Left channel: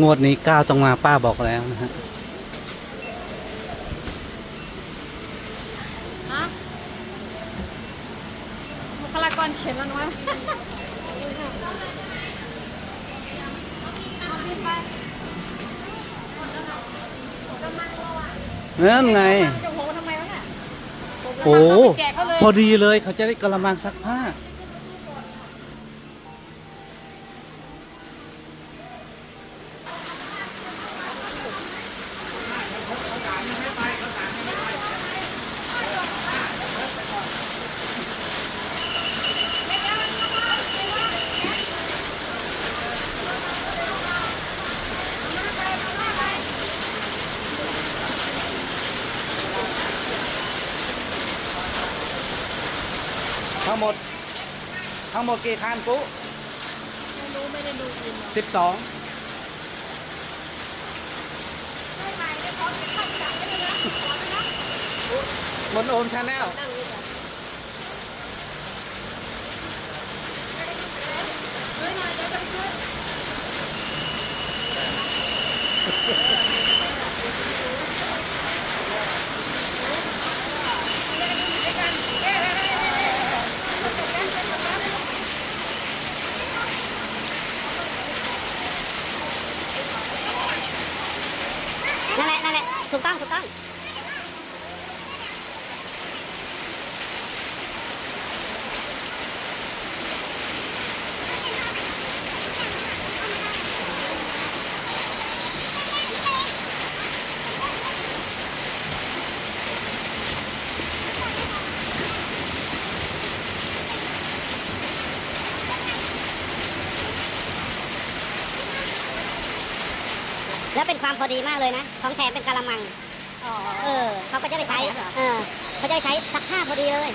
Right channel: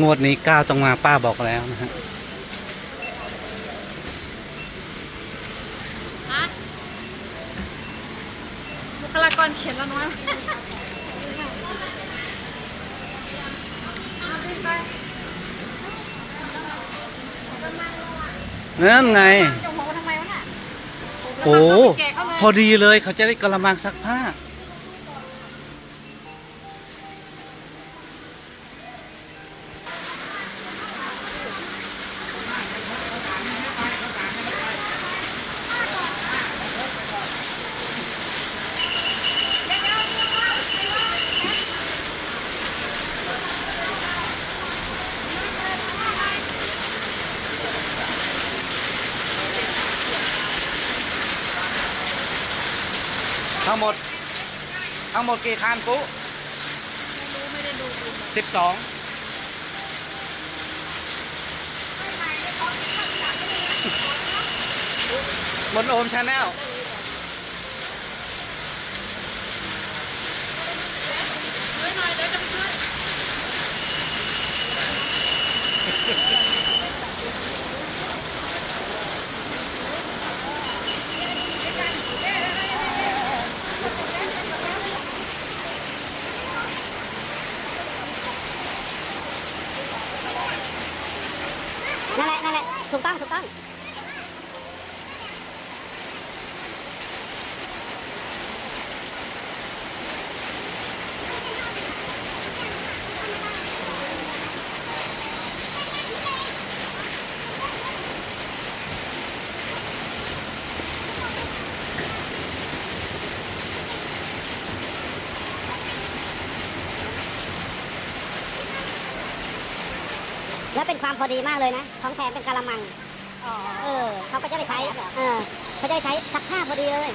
งวดนี้ก้าวต้องมาป้าบอกแล้วนะฮะบุคลากรเขียนแล้วนะนั่นไง จะหัวทำไมวะน่ะโอ้แจกเขาเลย พอดีเลยเขาจะได้กระมังซักผ้า ทั้งหมด ทั้งหมดกี่คันปุ๊สิบสองบนโอมชาแนลนั่นแหละนั่นแหละถูกต้องถูกต้อง แล้วเป็นความพอดีมากเลยนะ ของแถมเป็นกะละมัง เออเขาก็จะไปใช้ เออเขาจะไปใช้ซักผ้าพอดีเลย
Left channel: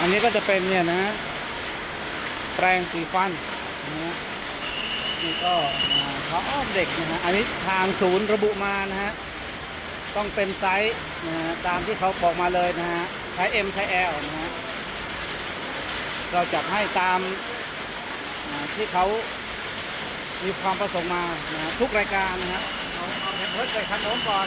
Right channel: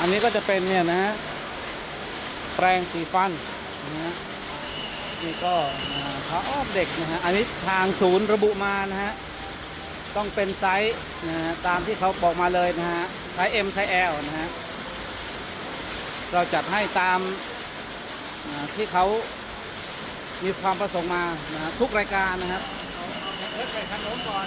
อันนี้ก็จะเป็นเนี่ยนะ แปรงสีฟันนะนี่ก็อ่าพระอ้อมเด็กนะฮะ อันนี้ทางศูนย์ระบุมานะฮะ ต้องเป็นไซส์นะฮะตามที่เขาบอกมาเลยนะฮะ ไซส์ M ไซส์ L นะฮะ เราจัดให้ตามที่เขามีความประสงค์มานะฮะทุกรายการนะครับเอาเอาแผ่นเพิร์ดไปทางโน้นก่อน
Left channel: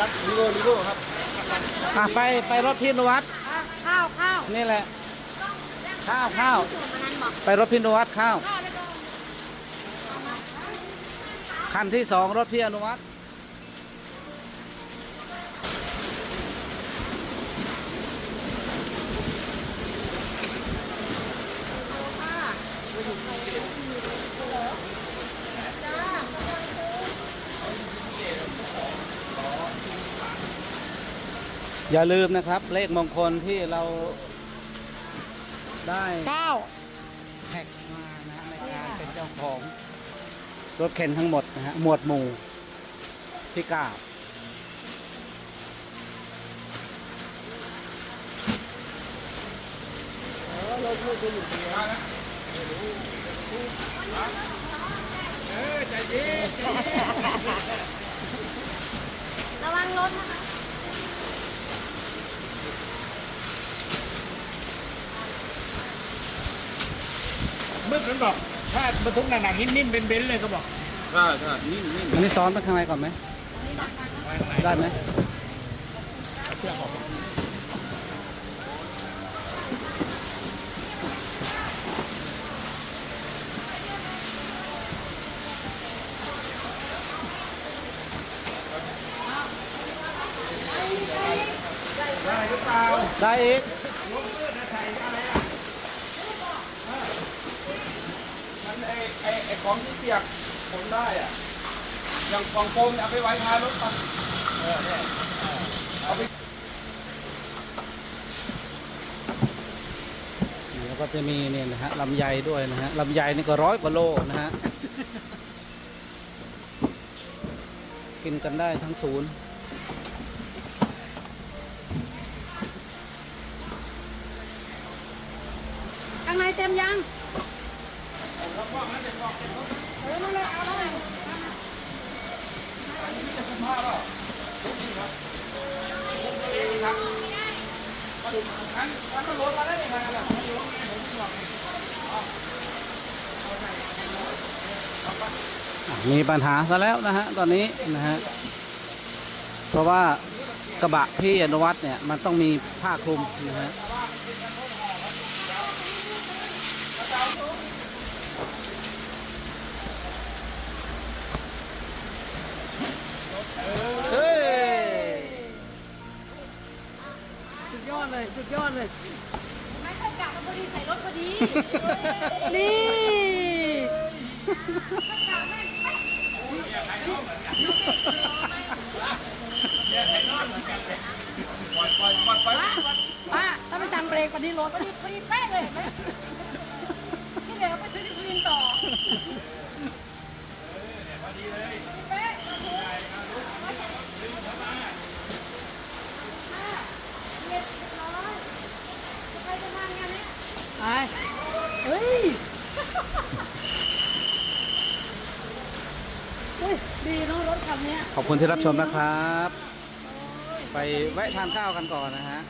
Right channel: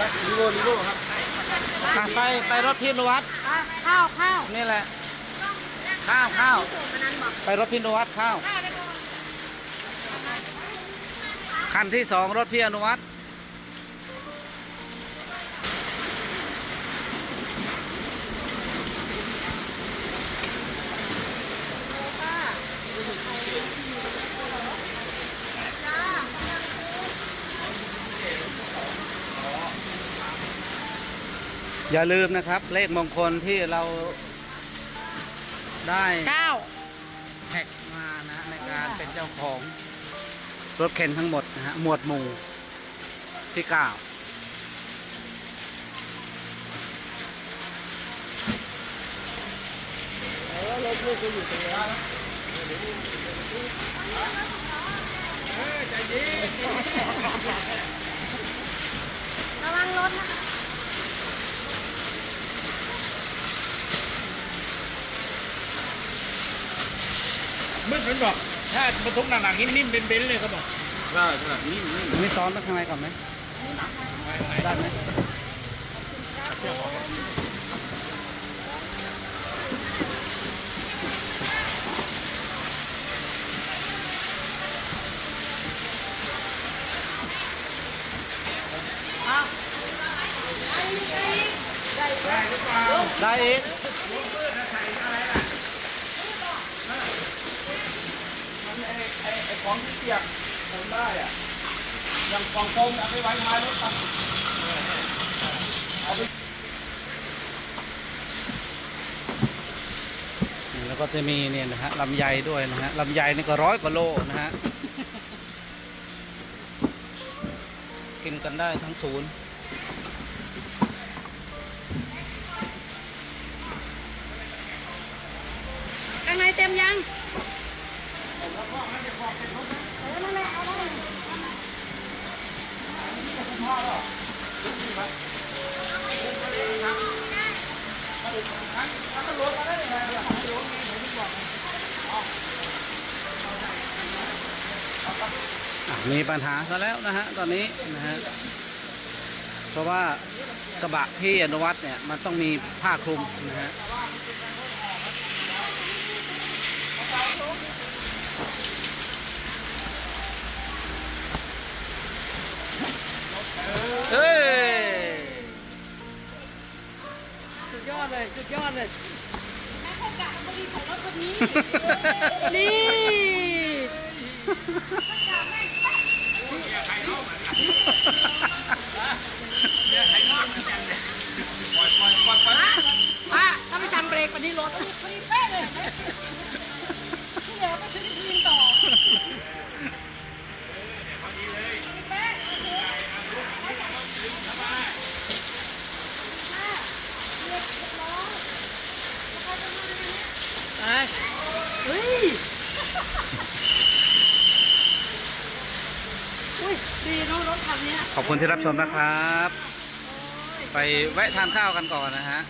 ลิโก้ลิโก้ครับอะไปไปรถพี่นวัดข้าวข้าวนี่แหละ ข้าวข้าววันนั้นบอกไปรถพี่นวัดข้าว คันที่สองรถพี่อนุวัฒน์ อย่าลืมนะครับ เลขมงคลที่เราได้เก้าแท็กมานะในการเป็นเจ้าของรถเข็นทั้งหมดนะฮะหมวดหมู่ที่เก้าระวังรถ ไม่เป็นหรอกถ้าบรรทุกหนักๆนิ่มๆเป็นเบนซ์เลยเขาบอกใช่ใช่นิ่มนิ่มมีซ้อนไปข้างในก่อนไหมได้ไหมได้อีกมันไอ ไอ้ไอ้ของที่เปียกผมได้อะอย่างกล่องโฟมเนี่ยเอาไปไว้ท้ายรถปะเอาไปแล้วก็จะมีเนี่ยนะฮะลำไยด้วยนะฮะลำไยนี่ก็ร้อยกว่าโลนะฮะ กินกันได้ทั้งศูนย์ มีปัญหาซะแล้วนะฮะตอนนี้นะฮะเพราะว่ากระบะพี่อนุวัตเนี่ยมันต้องมีผ้าคลุมนะฮะ เลยสุดยอดเลยไม่เข้ากะมันพอดีใส่รถพอดีนี่ป้าถ้าไม่ทำเบรกวันนี้รถพอดีพอดีเป๊ะเลยเห็นไหมที่เหลือไปซื้อที่พื้นต่อพอดีเลยเป๊ะโอเคป้าเรียบร้อยจะเข้าจะมาในนี้เฮ้ยอุ้ยดีเนาะรถคันเนี้ย ขอบคุณที่รับชมนะครับ ไปแวะทานข้าวกันก่อนนะฮะ